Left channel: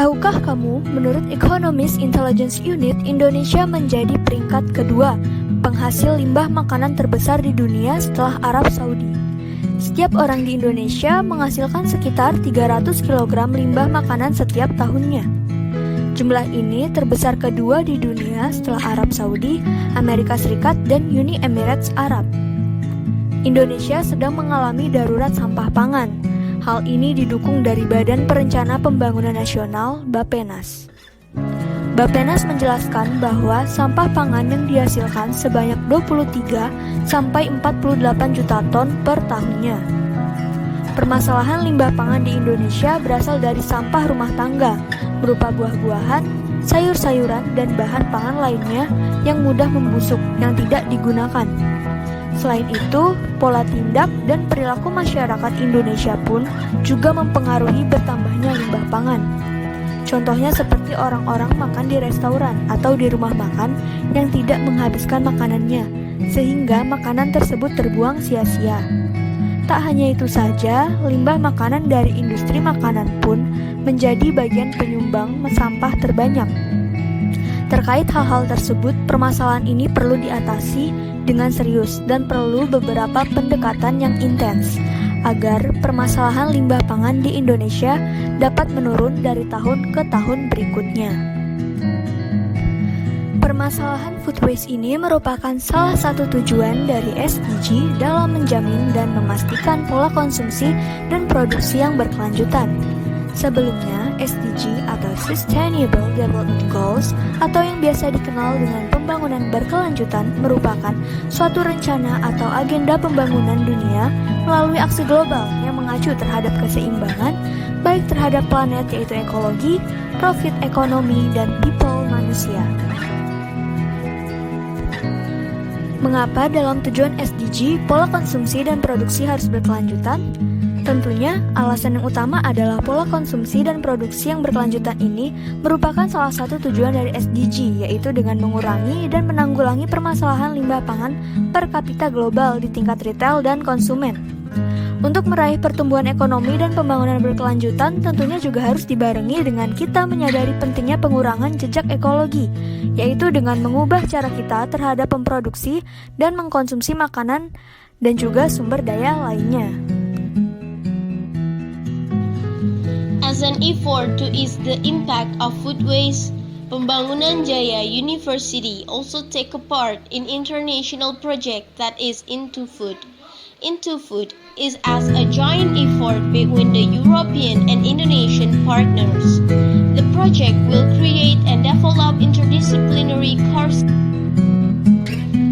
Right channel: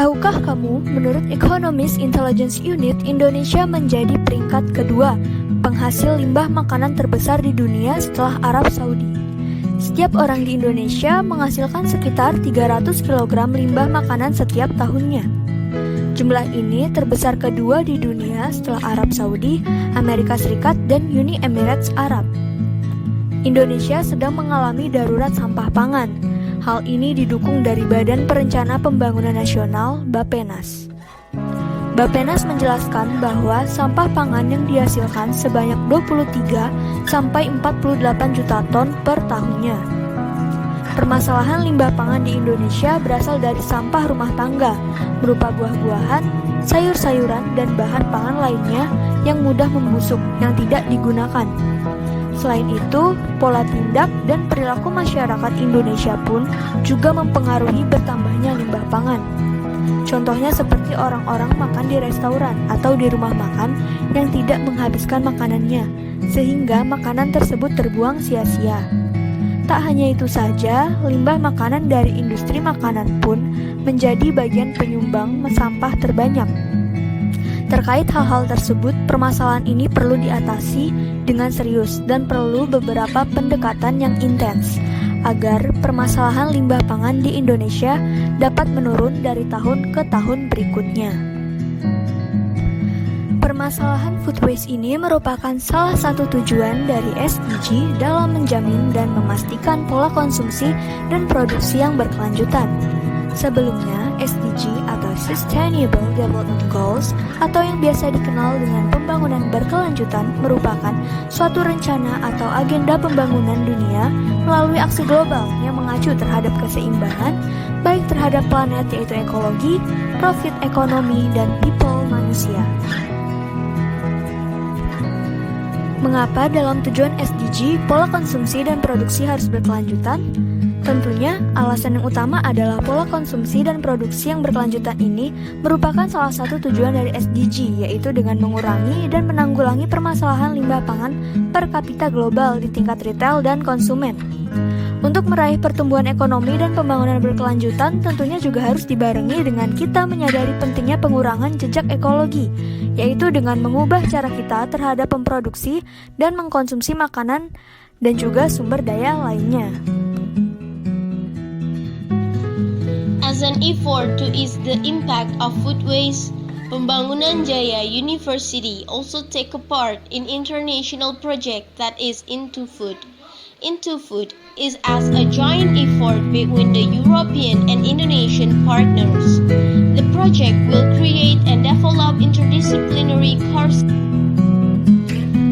Tahukah kamu, menurut Economist Intelligence Unit, Indonesia menjadi peringkat kedua penghasil limbah makanan terbesar di dunia setelah Arab Saudi. Setiap orang di Indonesia menghasilkan sekitar 300 kg limbah makanan setiap tahunnya. Jumlah ini terbesar kedua di dunia setelah Arab Saudi, Amerika Serikat, dan Uni Emirat Arab. Indonesia sedang mengalami darurat sampah pangan. Hal ini didukung dari Badan Perencana Pembangunan Nasional, Bappenas. Bappenas menjelaskan bahwa sampah pangan yang dihasilkan sebanyak 23 sampai 48 juta ton per tahunnya. Permasalahan limbah pangan di Indonesia berasal dari sampah rumah tangga, berupa buah-buahan, sayur-sayuran, dan bahan pangan lainnya yang mudah membusuk yang tidak digunakan. Selain itu, pola tindak dan perilaku masyarakat Indonesia pun juga mempengaruhi bertambahnya limbah pangan. Contohnya seperti orang-orang makan di restoran atau di rumah makan yang tidak menghabiskan makanannya, sehingga makanan tersebut terbuang sia-sia. Tak hanya itu saja, limbah makanan dari industri makanan pun menjadi bagian penyumbang sampah terbanyak. Terkait hal-hal tersebut, permasalahan ini perlu diatasi dengan serius dan perlu beberapa pendekatan yang intens agar permasalahan limbah pangan di Indonesia dapat menurun dari tahun ke tahun berikutnya. Permasalahan food waste ini merupakan salah satu tujuan dari SDG dalam menjamin dan memastikan pola konsumsi dan produksi yang berkelanjutan. Sebelumnya, SDG atau Sustainable Development Goals atau yang biasa dikenal dengan pembangunan berkelanjutan merupakan suatu rencana atau agenda pembangunan dunia melalui aksi global yang mengacu terhadap keseimbangan baik terhadap planet yaitu ekologi, profit ekonomi, dan people manusia. Mengapa dalam tujuan SDG pola konsumsi dan produksi harus berkelanjutan? Tentunya, alasan yang utama adalah pola konsumsi dan produksi yang berkelanjutan ini merupakan salah satu tujuan dari SDG, yaitu dengan mengurangi dan menanggulangi permasalahan limbah pangan per kapita global di tingkat retail dan konsumen. Untuk meraih pertumbuhan ekonomi dan pembangunan berkelanjutan, tentunya juga harus dibarengi dengan kita menyadari pentingnya pengurangan jejak ekologi, yaitu dengan mengubah cara kita terhadap memproduksi dan mengkonsumsi makanan dan juga sumber daya lainnya. As an effort to ease the impact of food waste, Pembangunan Jaya University also take a part in international project that is Into Food. Into Food is as a joint effort between the European and Indonesian partners. The project will create and develop interdisciplinary courses,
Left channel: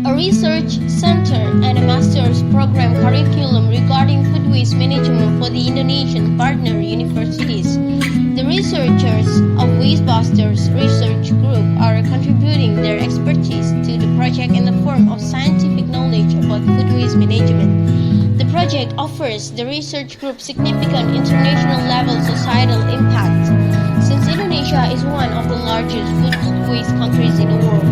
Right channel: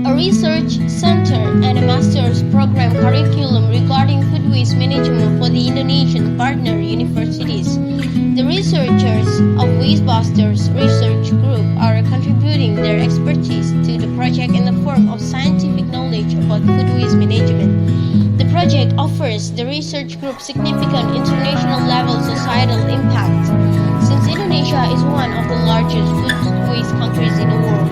a research center, and a master's program curriculum regarding food waste management for the Indonesian partner universities. The researchers of Wastebusters Research Group are contributing their expertise to the project in the form of scientific knowledge about food waste management. The project offers the research group significant international level societal impact, since Indonesia is one of the largest food waste countries in the world.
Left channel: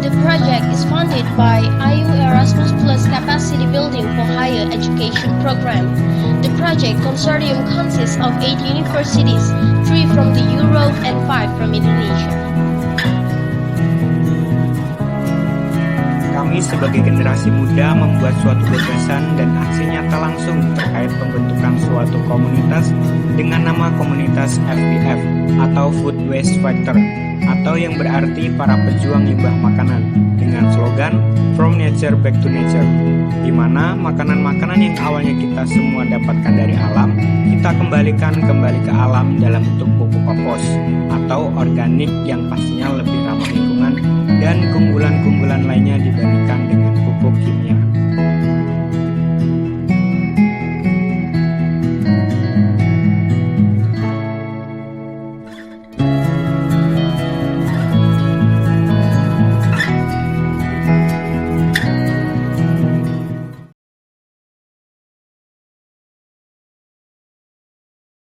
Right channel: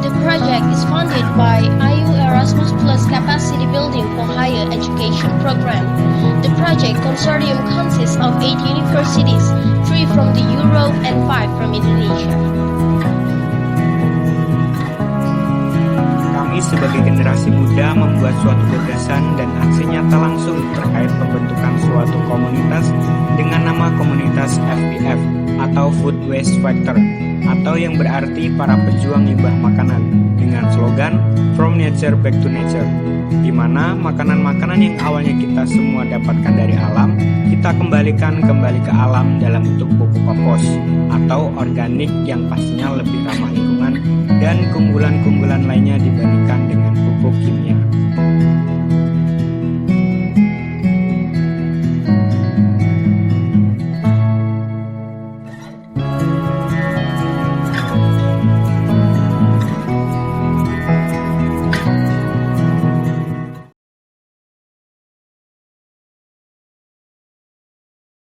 The project is funded by IU Erasmus Plus Capacity Building for Higher Education Program. The project consortium consists of 8 universities, 3 from the Europe and 5 from Indonesia. Kami sebagai generasi muda membuat suatu gagasan dan aksi nyata langsung terkait pembentukan suatu komunitas dengan nama komunitas FBF atau Food Waste Fighter, atau yang berarti para pejuang limbah makanan, dengan slogan From Nature Back to Nature, di mana makanan-makanan yang awalnya kita semua dapatkan dari alam, kita kembalikan kembali ke alam dalam bentuk pupuk kompos atau organik yang pastinya lebih ramah lingkungan dan keunggulan-keunggulan lainnya dibandingkan dengan pupuk kimia.